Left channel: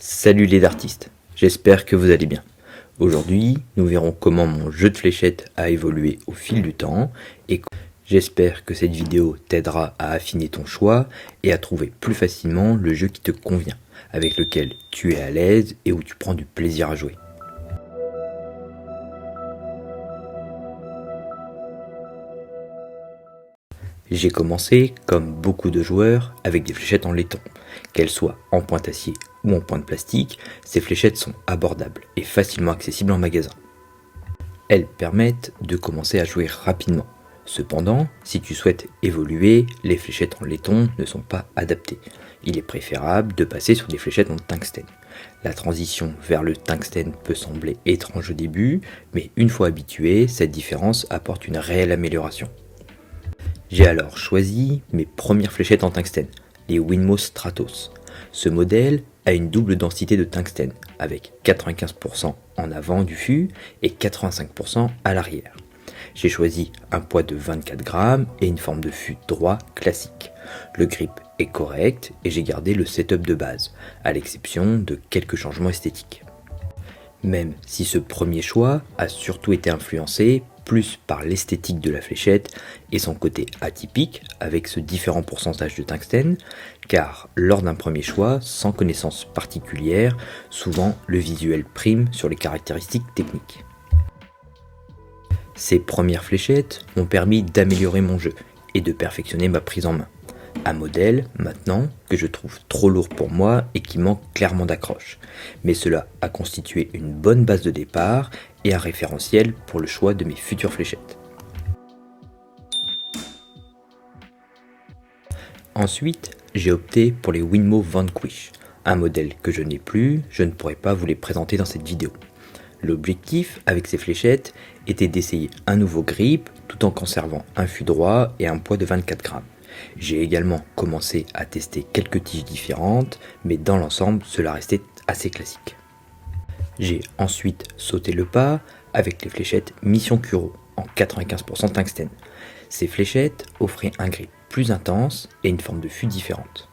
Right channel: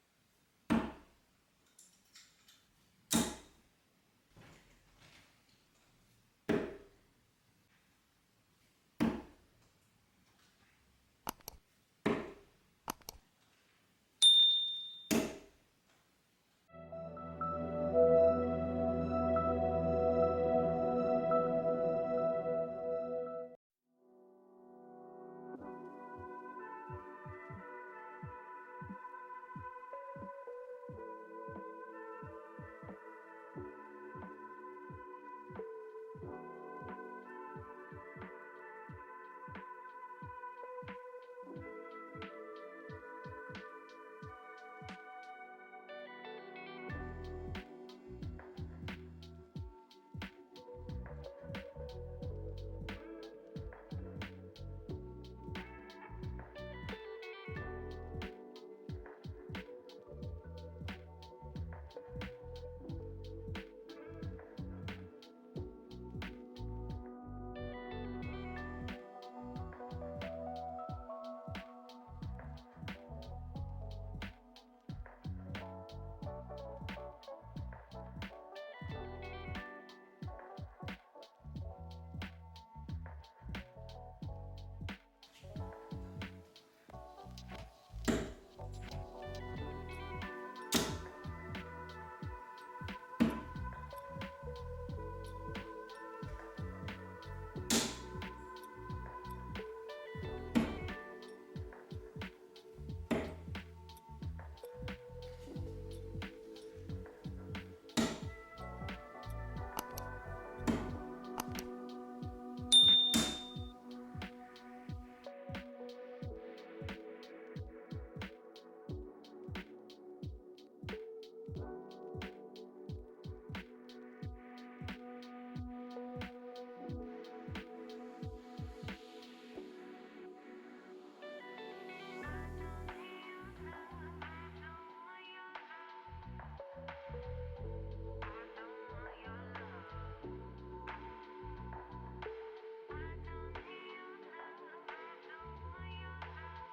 Salut les artistes, j'espère que vous allez bien. Aujourd'hui, nous verrons comment mon jeu de fléchettes a évolué au fil du temps et j'espère que cette vidéo t'aidera à affiner ton choix et à trouver plus facilement le jeu qui te convient, avec lequel tu es à l'aise et où tu prends du plaisir à jouer. J'ai commencé, comme beaucoup de joueurs, avec des fléchettes en laiton. Qu'elles soient en pointe acier ou en pointe plastique, ces fléchettes sont abordables et facilement accessibles en magasin. Elles permettent de commencer à jouer rapidement. Cependant, si tu souhaites évoluer, les fléchettes en laiton ne sont pas adaptées. Il est préférable de passer sur des fléchettes en tungstène. La transition vers le tungstène peut sembler étrange au début, mais une fois habitué, cette différence apporte une réelle amélioration. J'ai alors choisi mes premières fléchettes en tungstène, les Winmo Stratos. Ce modèle a une double densité de tungstène, avec 95% en avant du fût et 85% à l'arrière. J'ai choisi un poids de 24 grammes et une forme de fût droit classique. Le grip est correct et j'ai gardé le setup de base, à l'exception de quelques changements esthétiques. Même si ce premier choix a surtout été influencé plus par l'esthétique de la fléchette et son côté atypique avec ce différent pourcentage de tungstène, car lors d'un premier choix, sans connaissance particulière, souvent le visuel prime sur les caractéristiques techniques. Ces premières fléchettes ont permis d'améliorer mon jeu et de perfectionner ma prise en main. Un modèle, maintenant, que je trouve trop lourd pour moi et qui manque clairement d'accroche. Mais cela a constitué une bonne base de départ et un référentiel pour le choix de mes futures fléchettes. Ensuite, j'ai opté pour les Winmo Vanquish, un modèle que je n'ai plus, je ne pourrais pas vous les présenter dans cette vidéo. L'objectif avec ces fléchettes était d'essayer un nouveau grip tout en conservant un fût droit et un poids de 24 grammes. J'ai également commencé à tester quelques tiges différentes, mais dans l'ensemble, cela restait assez classique. J'ai ensuite sauté le pas avec les fléchettes Mission Kuro en 95% tungstène. Ces fléchettes offraient un grip plus intense et une forme de fût différente.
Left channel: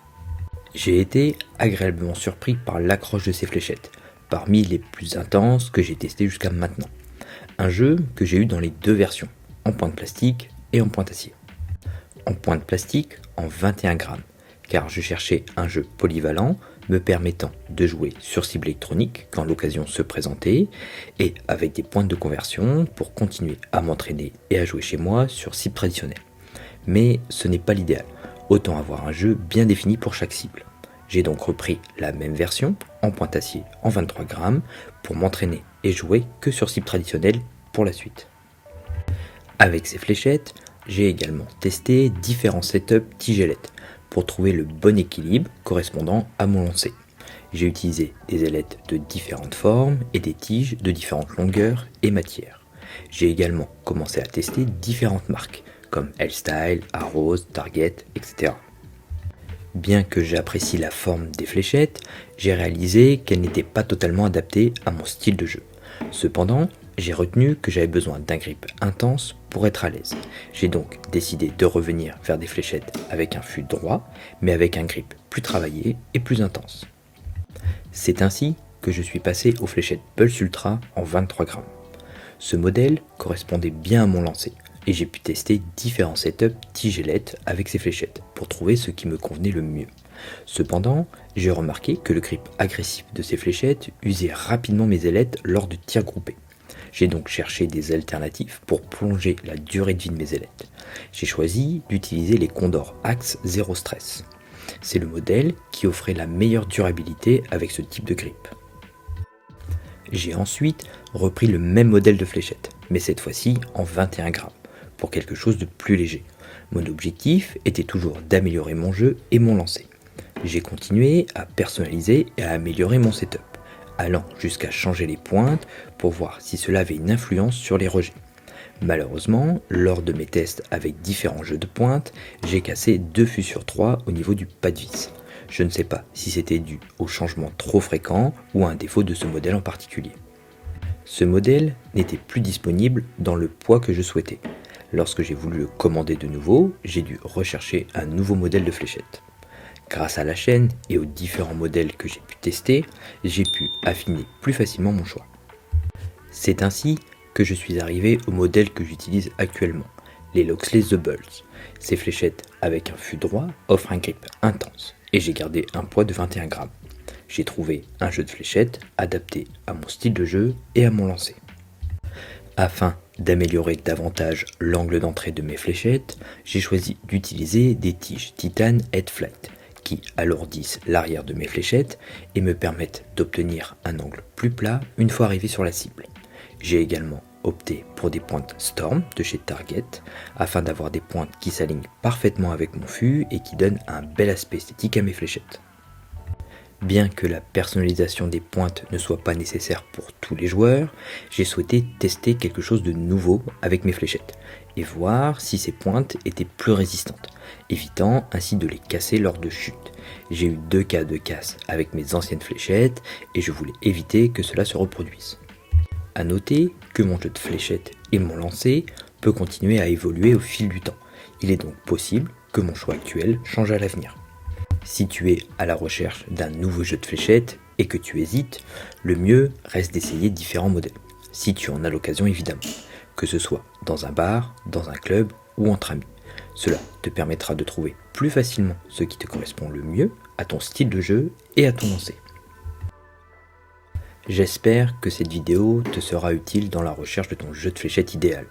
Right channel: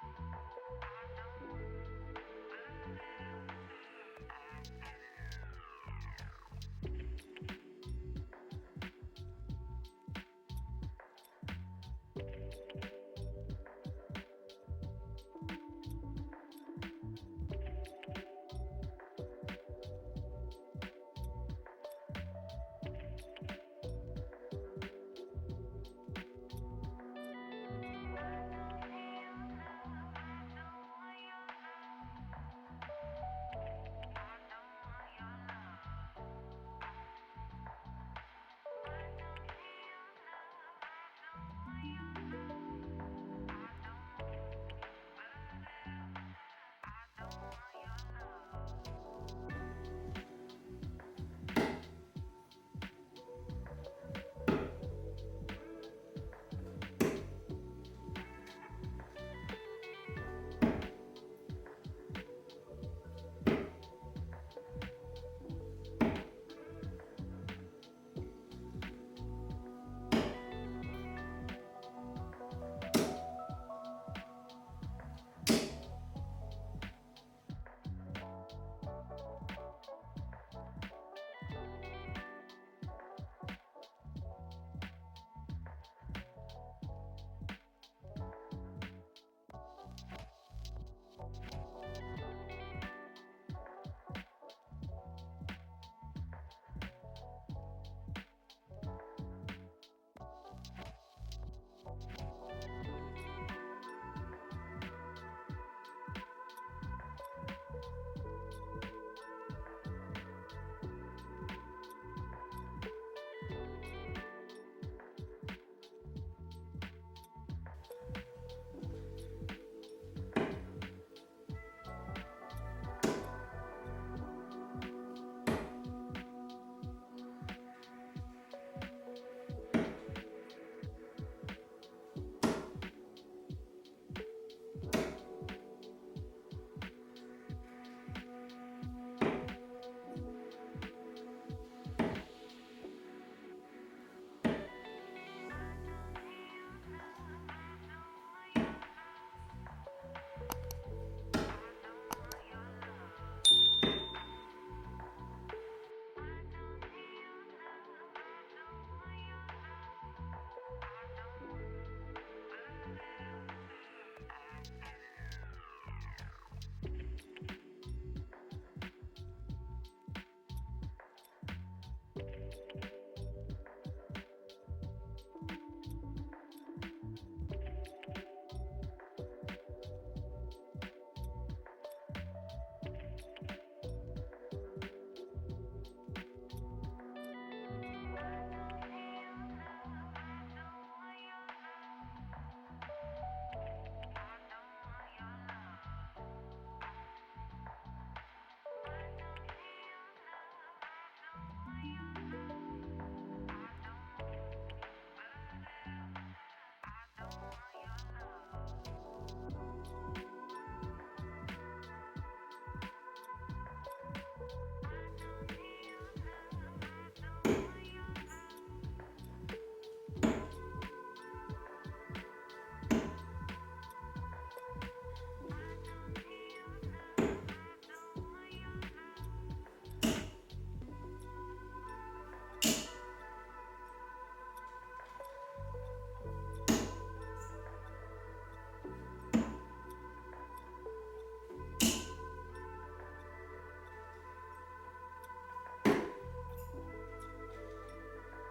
J'ai été agréablement surpris par l'accroche de ces fléchettes, parmi les plus intenses que j'ai testées jusqu'à maintenant. Un jeu que j'ai eu dans les deux versions, en pointe plastique et en pointe acier. En pointe plastique en 21 grammes, car je cherchais un jeu polyvalent me permettant de jouer sur cible électronique quand l'occasion se présentait et avec des pointes de conversion pour continuer à m'entraîner et à jouer chez moi sur cible traditionnelle. Mais ce n'est pas l'idéal, autant avoir un jeu bien défini pour chaque cible. J'ai donc repris la même version en pointe acier en 23 grammes pour m'entraîner et jouer que sur cible traditionnelle pour la suite. Avec ces fléchettes, j'ai également testé différents setups tigelettes pour trouver le bon équilibre correspondant à mon lancer. J'ai utilisé des ailettes de différentes formes et des tiges de différentes longueurs et matières. J'ai également commencé à tester différentes marques comme L-Style, Arrows, Target, etc. Bien que j'apprécie la forme des fléchettes, j'ai réalisé qu'elles n'étaient pas totalement adaptées à mon style de jeu. Cependant, j'ai retenu que j'avais besoin d'un grip intense pour être à l'aise. J'ai donc décidé de revenir vers des fléchettes avec un fût droit, mais avec un grip plus travaillé et plus intense. C'est ainsi que je suis passé aux fléchettes Pulse Ultra en 23 grammes. Ce modèle correspondait bien à mon lancer, et j'ai pu tester différents setups tigelettes avec ces fléchettes pour trouver ce qui me convenait le mieux. Cependant, j'ai remarqué que le grip agressif de ces fléchettes usait rapidement mes ailettes lors de tirs groupés. J'ai donc cherché des alternatives pour prolonger la durée de vie de mes ailettes. J'ai choisi d'utiliser les Condor Axe Zero Stress. C'est le modèle qui offrait la meilleure durabilité avec ce type de grip. J'ai ensuite repris le même modèle de fléchette, mais cette fois-ci en 21 grammes, pour quelque chose de plus léger. Mon objectif était toujours d'améliorer mon jeu et mon lancer. J'ai continué à personnaliser et à améliorer mon setup, allant jusqu'à changer les pointes pour voir si cela avait une influence sur les rejets. Malheureusement, lors de mes tests avec différents jeux de pointe, j'ai cassé 2 fûts sur 3 au niveau du pas de vis. Je ne sais pas si c'était dû au changement trop fréquent ou à un défaut de ce modèle en particulier. Ce modèle n'était plus disponible dans le poids que je souhaitais. Lorsque j'ai voulu le commander de nouveau, j'ai dû rechercher un nouveau modèle de fléchette. Grâce à la chaîne et aux différents modèles que j'ai pu tester, j'ai pu affiner plus facilement mon choix. C'est ainsi que je suis arrivé au modèle que j'utilise actuellement, les Loxley The Bulls. Ces fléchettes avec un fût droit offrent un grip intense et j'ai gardé un poids de 21 grammes. J'ai trouvé un jeu de fléchettes adapté à mon style de jeu et à mon lancer. Afin d'améliorer davantage l'angle d'entrée de mes fléchettes, j'ai choisi d'utiliser des tiges Titan Head Flight qui alourdissent l'arrière de mes fléchettes et me permettent d'obtenir un angle plus plat une fois arrivé sur la cible. J'ai également opté pour des pointes Storm de chez Target afin d'avoir des pointes qui s'alignent parfaitement avec mon fût et qui donnent un bel aspect esthétique à mes fléchettes. Bien que la personnalisation des pointes ne soit pas nécessaire pour tous les joueurs, j'ai souhaité tester quelque chose de nouveau avec mes fléchettes et voir si ces pointes étaient plus résistantes, évitant ainsi de les casser lors de chute. J'ai eu 2 cas de casse avec mes anciennes fléchettes et je voulais éviter que cela se reproduise. A noter que mon jeu de fléchettes et mon lancer peut continuer à évoluer au fil du temps. Il est donc possible que mon choix actuel change à l'avenir. Si tu es à la recherche d'un nouveau jeu de fléchettes et que tu hésites, le mieux reste d'essayer différents modèles, si tu en as l'occasion évidemment, que ce soit dans un bar, dans un club ou entre amis. Cela te permettra de trouver plus facilement ce qui te correspond le mieux à ton style de jeu et à ton lancer. J'espère que cette vidéo te sera utile dans la recherche de ton jeu de fléchettes idéal.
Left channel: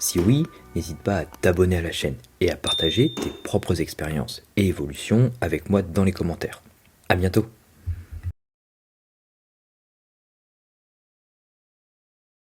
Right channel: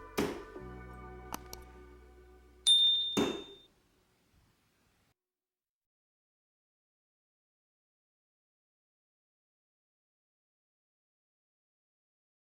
Si oui, n'hésite pas à t'abonner à la chaîne et à partager tes propres expériences et évolutions avec moi dans les commentaires. À bientôt!